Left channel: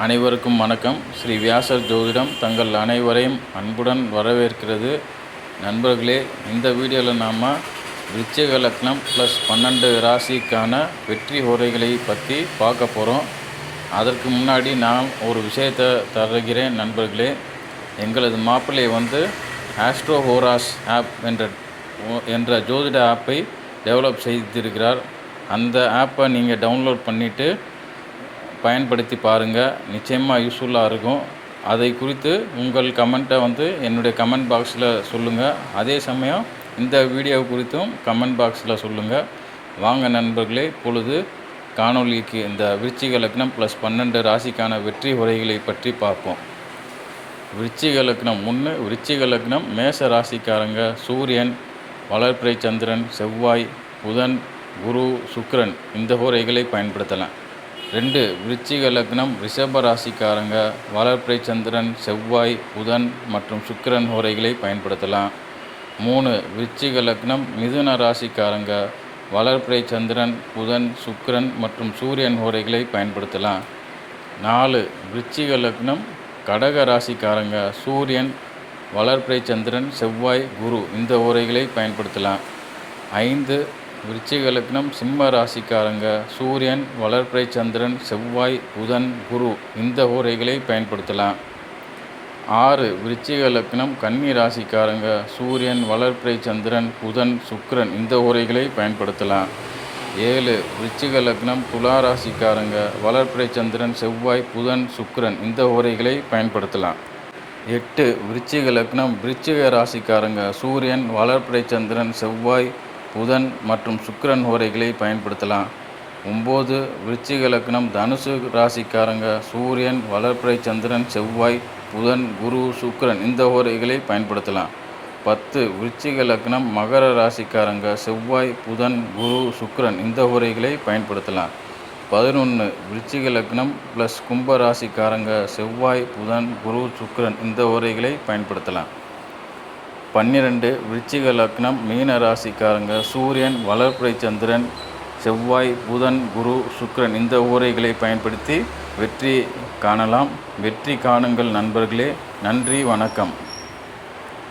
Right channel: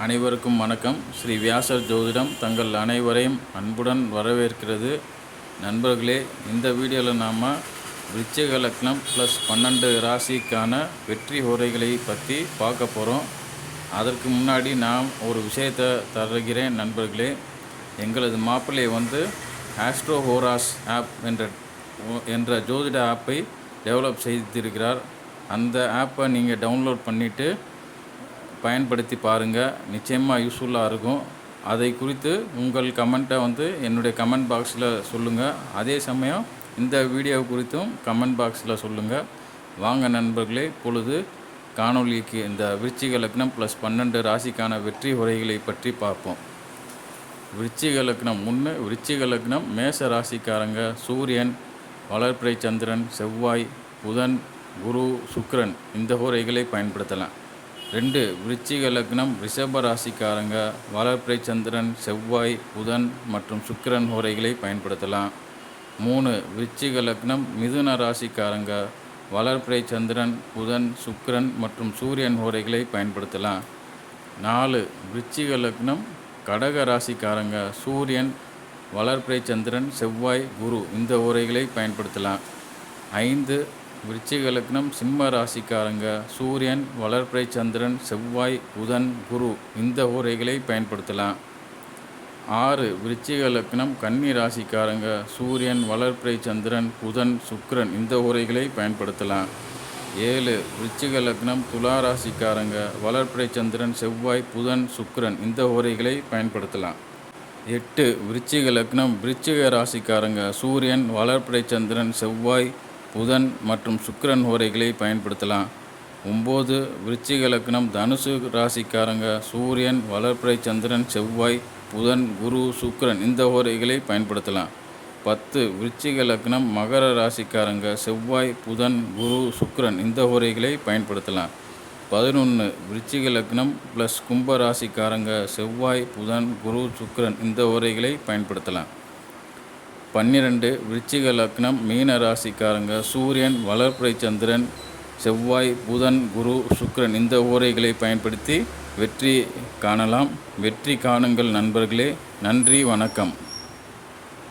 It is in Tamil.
அனைவருக்கும் வணக்கம். ஸ்ரீ வியாசர் ஜோதிடம் தங்கள் அனைவரையும் அன்புடன் வரவேற்கிறது. நண்பர்களே இந்த வீடியோவில் நாம் விருச்சிக லக்னம் ப்ளஸ் பன்னெண்டு ராசிக்கான வெற்றி உரைகளை பற்றி பார்க்க போகிறோம் அதற்கு முன்னாடி நான் ஒரு விஷயத்தை தருகிறேன் நண்பர்களே. எங்களது மாப்பிள்ளை வந்து ஆஸ்ட்ரோ ஹோராஸ் ஆப் என்ற என்ற ஜோதிட ஆப்பை டெவலப் செய்திருக்கிறார். அந்த ஆப்பை நீங்கள் டவுன்லோட் பண்ணிவிட்டு பயன்படுத்தி பாருங்கள் நிச்சயமாக யூஸ்ஃபுல்லாக இருக்கும். அதை குறித்து உங்கள் கமெண்ட்டை வந்து என்னுடைய கமெண்ட் பாக்ஸில் சொல்லுங்கள் அதே சமயம் இந்த வீடியோ குறித்தும் கமெண்ட் பாக்ஸில் சொல்லுங்கள் வாங்க நண்பர்களே பொழுது காணொளிக்கு இந்த விருச்சிக லக்னம் ப்ளஸ் பன்னெண்டு ராசிக்கான வெற்றி உரைகளை பற்றி பார்ப்போம். விருச்சிக லக்னம் ஒன்று விருச்சிக லக்னம் மேச ராசிக்காரங்க சூரியன் வளர்பிறை சந்திரன் செவ்வாய் புதன் குரு சுக்ரன் இந்த உரைகளை பயன்படுத்தலாம். ரெண்டு விருச்சிக லக்னம் ரிஷப ராசிக்காரங்க வளர்ப்பிரை சந்திரன் செவ்வாய் புதன் மற்றும் சுக்கிரன் ஹோரைகளை பயன்படுத்தலாம். மூணு விருச்சிக லக்னம் மிதுன ராசிக்காரங்க வளர்ப்பிரை சந்திரன் புதன் சுக்கிரன் மற்றும் சூரியன் ஹோரைகளை பயன்படுத்தலாம். நாலு விருச்சிக லக்னம் கடக ராசிக்காரங்க சூரியன் வளர்ப்பிரை சந்திரன் செவ்வாய் குரு இந்த உரைகளை பயன்படுத்தலாம். ஐந்து விருச்சிக லக்னம் சிம்ம ராசிக்காரங்க. சூரியன் வளர்பிறை சந்திரன் செவ்வாய் புதன் குரு இந்த ஓரைகளை பயன்படுத்தலாம். ஆறு விருச்சிக லக்னம் கன்னி ராசிக்காரங்க. சூரியன் வளர்பிறை சந்திரன் புதன் சுக்கரன் இந்த ஓரைகளை பயன்படுத்தலாம். ஏழு விருச்சிக லக்னம் துலா ராசிக்காரங்க. வளர்பிறை சந்திரன் செவ்வாய் புதன் சுக்கரன் இந்த ஓரைகளை பயன்படுத்தலாம். எட்டு விருச்சிக லக்னம் விருச்சிக ராசிக்காரங்க. சூரியன் வளர்பிறை சந்திரன் செவ்வாய் புதன் மற்றும் சுக்கிரன் ஹோரைகளை பயன்படுத்தலாம். ஒம்பது விருச்சிக லக்னம் தனுசு ராசிக்காரங்க சூரியன் வளர்ப்புரை சந்திரன் செவ்வாய் புதன் குரு சுக்கிரன் இந்த ஹோரைகளை பயன்படுத்தலாம். பத்து விருச்சிக லக்னம் மகர ராசிக்காரங்க செவ்வாய் புதன் குரு சுக்கிரன் இந்த ஹோரைகளை பயன்படுத்தலாம். பதினொன்று விருச்சிக லக்னம் ப்ளஸ் கும்ப ராசிக்காரங்க செவ்வாய் புதன் குரு சுக்கிரன் இந்த ஓரைகளை பயன்படுத்தலாம். பன்னிரெண்டு விருச்சிக லக்னம் மீன ராசிக்காரங்க. சூரியன் வளர்ப்புரை சந்திரன் செவ்வாய் புதன் குரு சுக்ரன் இந்த ஊரைகளை பயன்படுத்தி வெற்றி காணலாம். வெற்றி காணுங்கள் நண்பர்களே. நன்றி வணக்கம்.